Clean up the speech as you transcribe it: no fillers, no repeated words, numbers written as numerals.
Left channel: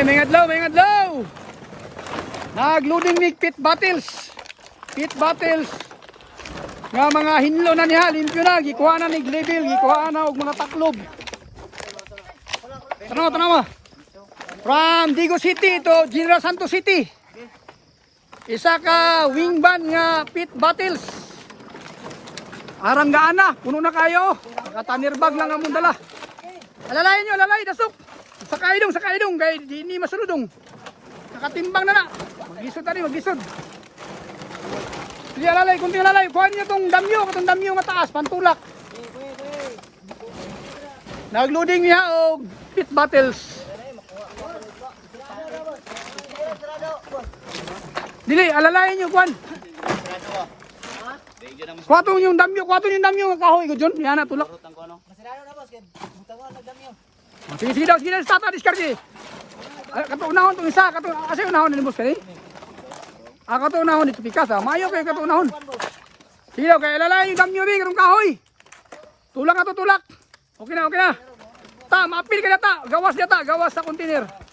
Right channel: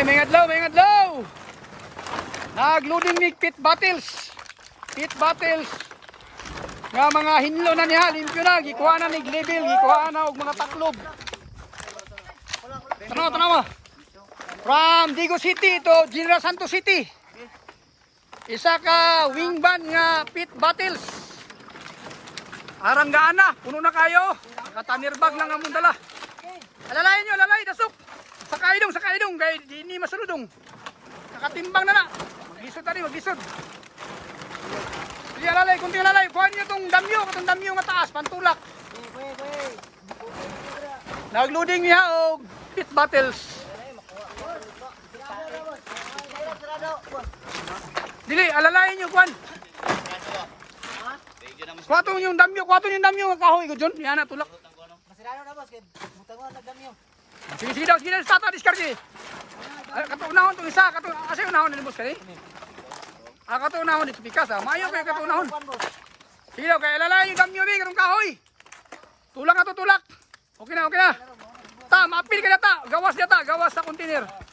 Okay, may ngadlaw. Nagloading ni pit battles. Pit battles. Nga mga hinlo na niya, limpyo na, gikuha na ni level, gikuha na og mga taklob. Tanaw. From Digo City to General Santos City. Isa ka wing band nga pit battles. Aranggaan na, puno na kayo. Nakatanirbag lang ang mundala. Alalayan nyo, alalay, dasok. Sa kaidong, kaya di ni masuludong. Nakatimbang na. Maglisod. Sige, alalay, kunting alalay. Kuhan nyo itong damyo mataas, pantulak. Nagloading niya o pit battles. Dili, alalayan nyo, kuhan. Kuha yung damyo nga kahoy ko dyan. Yan na, tulak. Sige daw, start na discard. Katunahon itong isa, kasi unahon na boss ka rin. Katunahon dito pikas maayo kayo katunahon. Sige daw, kaya lalay yung damyo rin, katong kahoy. Tulak na to, tulak. Okay na. Ta, maapil ka na ta, gawas sa container.